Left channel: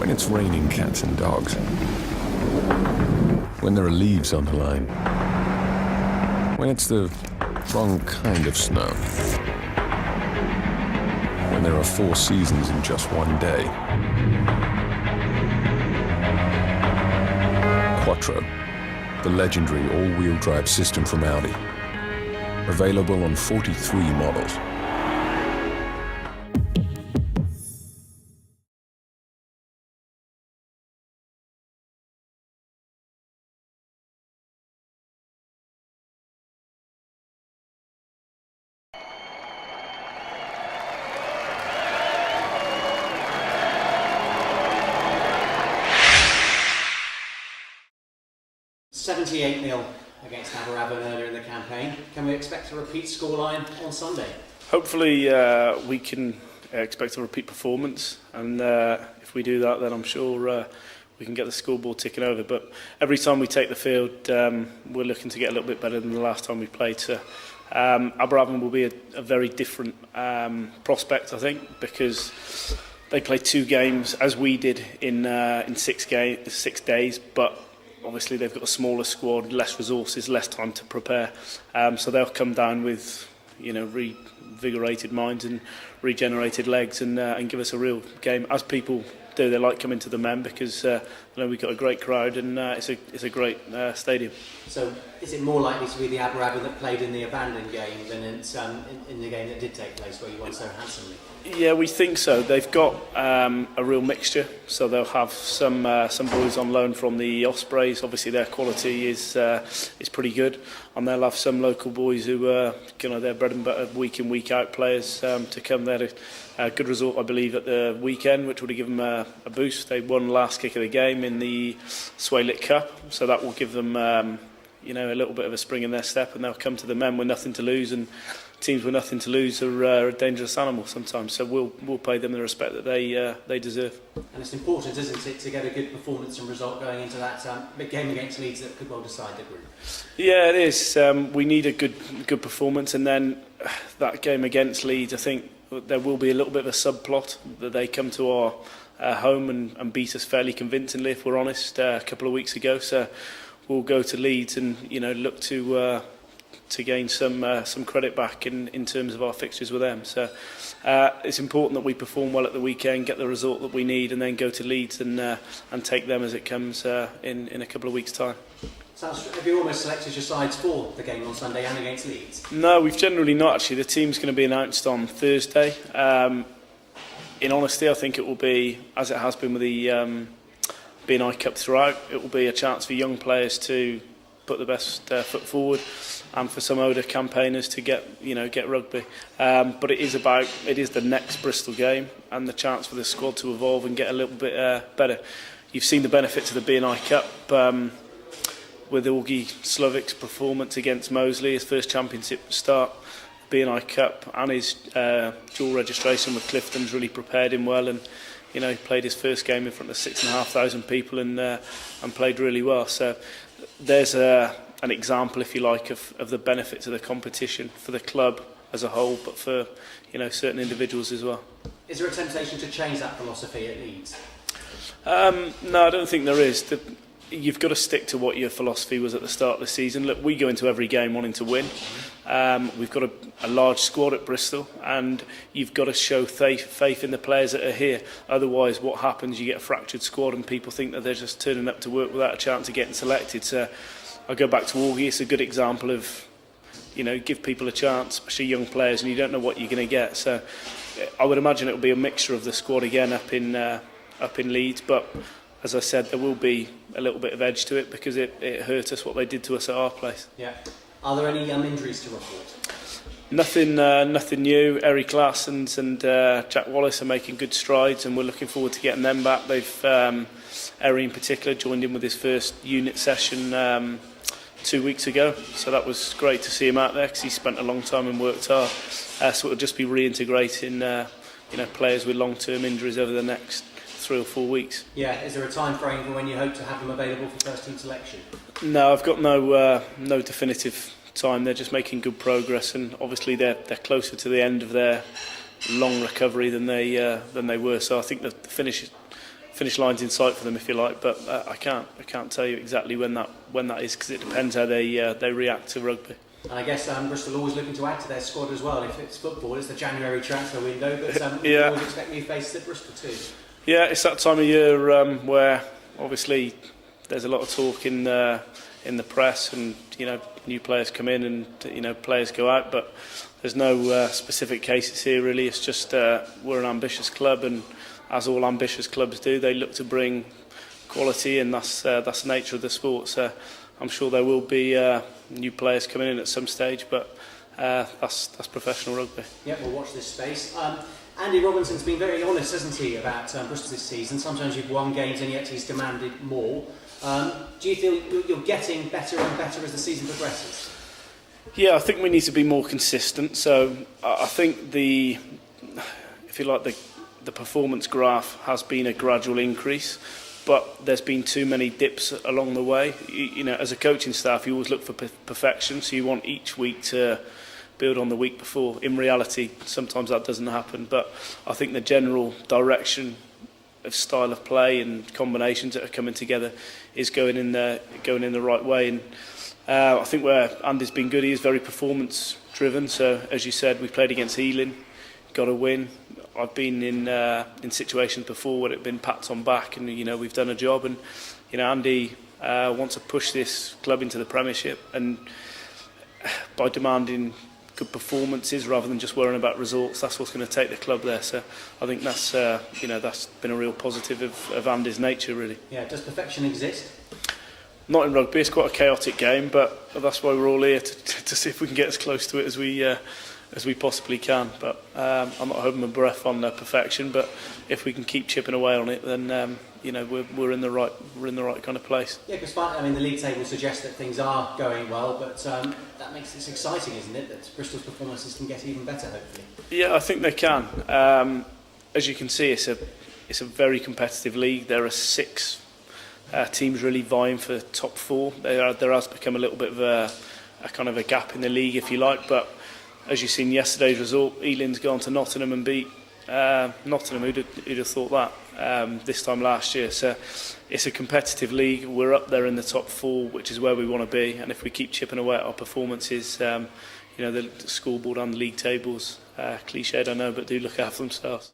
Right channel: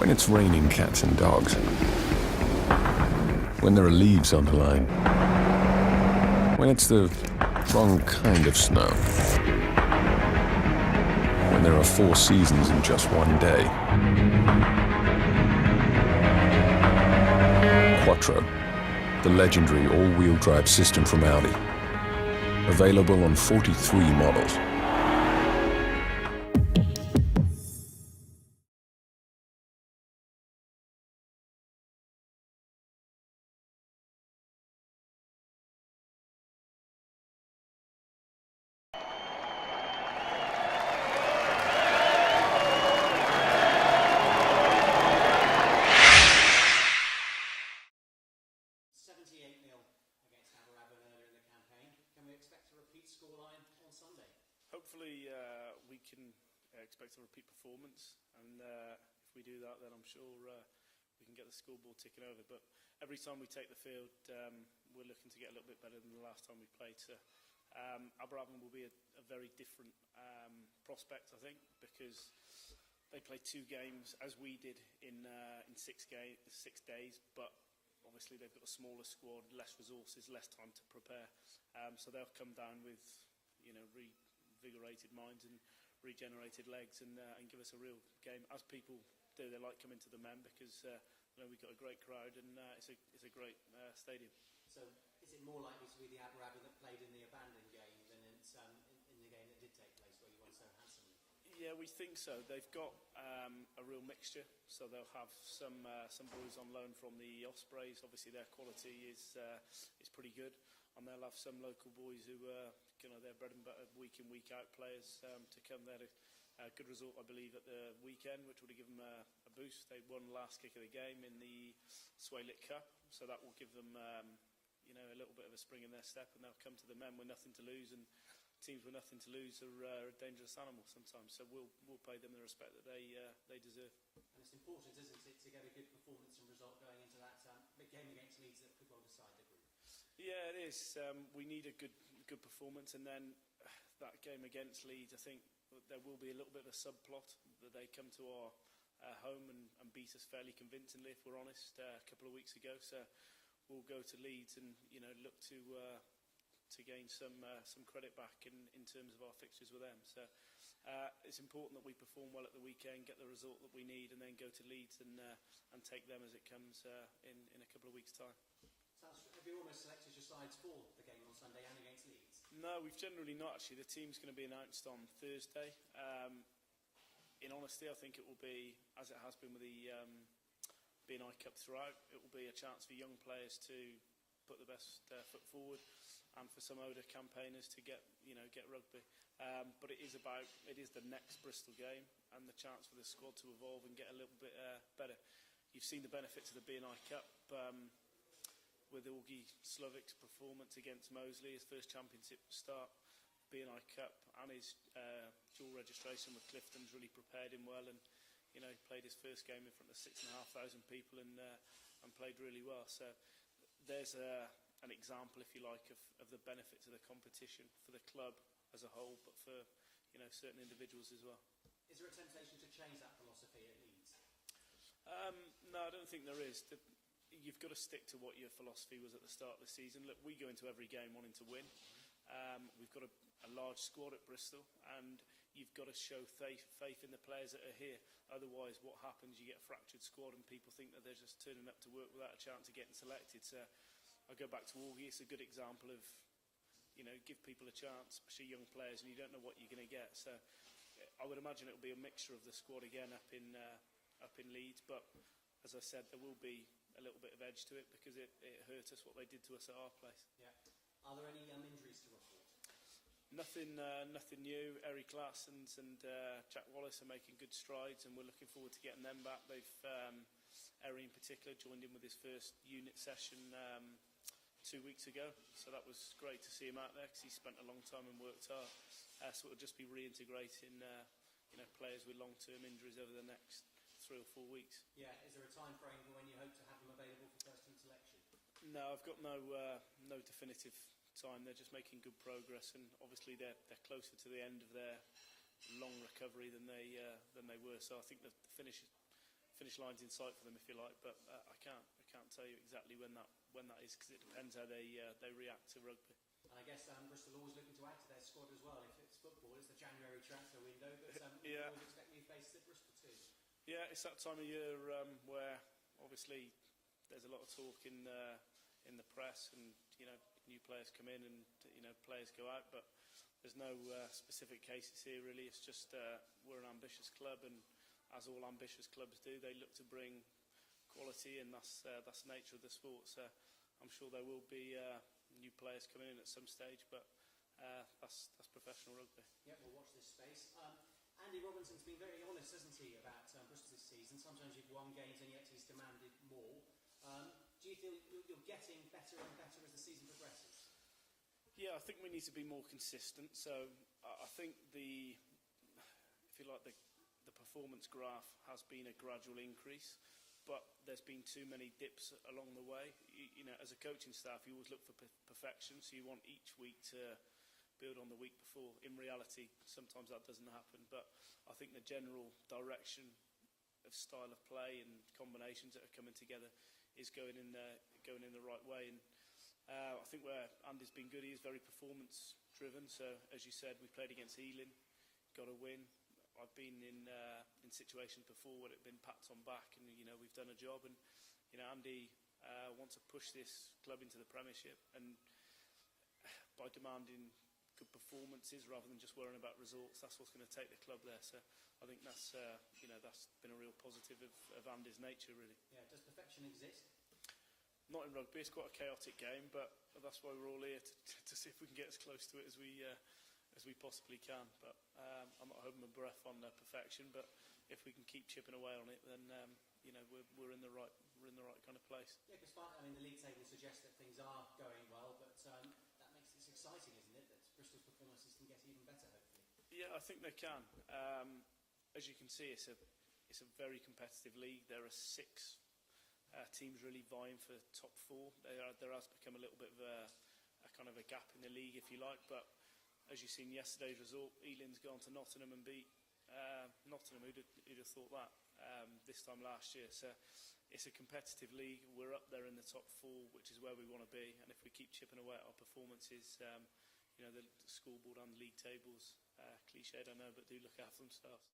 When it's raining cats and dogs. When there are leaves on the line. When it's the wrong kind of snow. When there are 4 seasons in just one day. Quattro, the legendary all-wheel drive system from Audi. Available on 43 models. $78-0 against Aberavon earlier in the campaign. Can we expect a repeat scoreline on Sunday? Hopefully we can expect a repeat performance, and if we do that, then I'm sure we can get the scoreboard ticking over. But every time we take the field, we're looking to get a little bit better than the last time we played. So Aberavon will be a very different prospect, I think, because they played 2 games as we did in 6 days, but obviously they've got a smaller squad, less resources, less time to prepare. So they'll come down with, revigorated minds and regenerated legs and give us a real game, as people do. They like coming to the Men because we've got a great crowd and it's a great stadium. So is it more likely to be the Aberavon that played in the abandoned game than in the game that did take place where you won so handsomely? Yeah, we think so. They've got a real mixture, so they'll have some boys on loan from the Ospreys. Obviously, their quality is pretty good, and they'll have some local boys who are their bread and butter week in week out players to come there. A good result, I believe, at the weekend, which would have given them a boost. They won last kick of the game in the B&I Cup, so that will give them a little bit of a spring in their step, and they'll come to the Men with nothing to lose. And teams with nothing to lose are a dangerous animal sometimes, so we'll pay them the respect that they deserve. And it's important, isn't it, to get a good performance and result going into that big game against Leeds that could well decide the group? Yeah, it is. We need a good performance, and then that game against Leeds, I think there will be a little bit of a subplot that they come to our home and beat us fairly convincingly, if we're honest, a couple of weeks ago. So we'll go to Leeds and look to gain some credit back in terms of our fixtures with them. So it's important that we perform well at the weekend, get the result that we need, and then go to Leeds and take them as it comes in a couple of weeks' time. So have you almost selected your sides for the game on Sunday and against Leeds? No, we've generally not actually. The team's going to be announced on Thursday. In honesty, I think it will be, as it has been with the B&I Cup throughout, it will be a chance for young players to put the best foot forward, and for some older campaigners to get rugby. But it is the next Bristol game and the chance for the squad to evolve and get a little bit better. You've seen the benefits of the B&I Cup with Augie Slovik's performance against Moseley, his first championship start. B&I Cup and his dual registration with Clifton's really prepared him well, and he played his first game in front of 6,500 people and played really well. So there's an example, if you like, of the benefits of the competition for the club as a whole, but for certain individuals as well. Is there a temptation to change that philosophy at Leeds? No, I don't think there is. You've got to stick to what your philosophy was at the start of the season. Look, we go into every game wanting to win. We've got a large squad at Bristol, and you've got to show faith in the players that are here. Otherwise, what happens, you get a fractured squad and people think that they're just turning up to work without a chance of getting selected. So I go back to Augie. It's a good example of, give people a chance, especially young players, and you don't know what you're going to get. So I would imagine it will be a mixture of the squad again up in Leeds, but as I said, there will be a little bit of edge to it because it hurt us what they did to us at our place. Yeah. Are there any injuries to report? Nothing new. Eric Larsons and Jack Wallace are making good strides, and we're looking forward to getting them back. They've Eri in particular joined in with his first unit session 2 weeks ago, so that was great to see him out there because he spent a long time and worked hard. So it'll just be reintegrating players with long-term injuries over the next 3 or 4 weeks. Yeah, is there a time frame for when you hope to have them available for first team selection? No, I've got no definitive time. They're just making good progress, and obviously they're closer to the end of their long recovery than they were. So I think the finish finish line's in sight for them, if you like, but I can't tell you exactly when that is, because it depends how they react to rugby. And I guess Bristol are always looking to add to their squad as well. If it's football, it's the January transfer window, but we always expect new faces at Bristol too. Yeah, it's that time of year where obviously there's a lot of talk in the press, and new players come in and players go out, but there's no specific cases here really. It's just we're an ambitious club, and as all ambitious clubs do, they look to bring quality, and that's the nature of the sport. So I'm sure there will be new players coming in at some stage, but that's professional rugby. Yeah, we'll watch this space. Andy Robinson's been very honest, hasn't he, about Bristol this season. Sometimes you've won games and yet he's demanded more. Do you feel you're getting better and better as the season progresses? Yeah, I think we need to be more consistent. So I think if you like, the performance graph has been a gradual increase, but there's been too many dips along the way. As a coaching staff, you always look for perfection, so you want each week to build on the week before. In reality, sometimes that doesn't happen, but I think the general direction of style of play and combinations that are coming together is going in the right way. And I think where Andy's been good, he is very performance driven. So as you said, we played against Ealing, got a win. I've been in situations before where it's been pats on back, and we've done a job. And Andy wants to push this club into the Premiership, and by demanding good performances rather than just worrying about results, that's what's going to take the club there. So I think that's that's been a real positive of Andy's nature, really. Yeah. Does perfection exist? Not in rugby. It's quite a chaotic game, but that's why we're all here to see if we can get as close to it as we possibly can. But I'm not holding my breath on perfection, but if we can keep chipping away on it, then we're in the right kind of place. Yeah, because the league table suggests that things are going well, but that makes it exciting, isn't it? That Bristol's performances can get even better, hopefully. Yeah, I think they can. As you can see, it's a very competitive league. There are 6 teams really vying for top 4. There has become a little bit of a kind of a gap in the league, if you like, but as you've seen yesterday's result, Ealing's gone to Nottingham and beat Nottingham. Who'd have thought that this time last year? So it's a competitive league. We're up there in the top 4, which is where we want to be. And if we keep chipping away at our performances, the scoreboard and the league tables, cliched I know, but do look after themselves.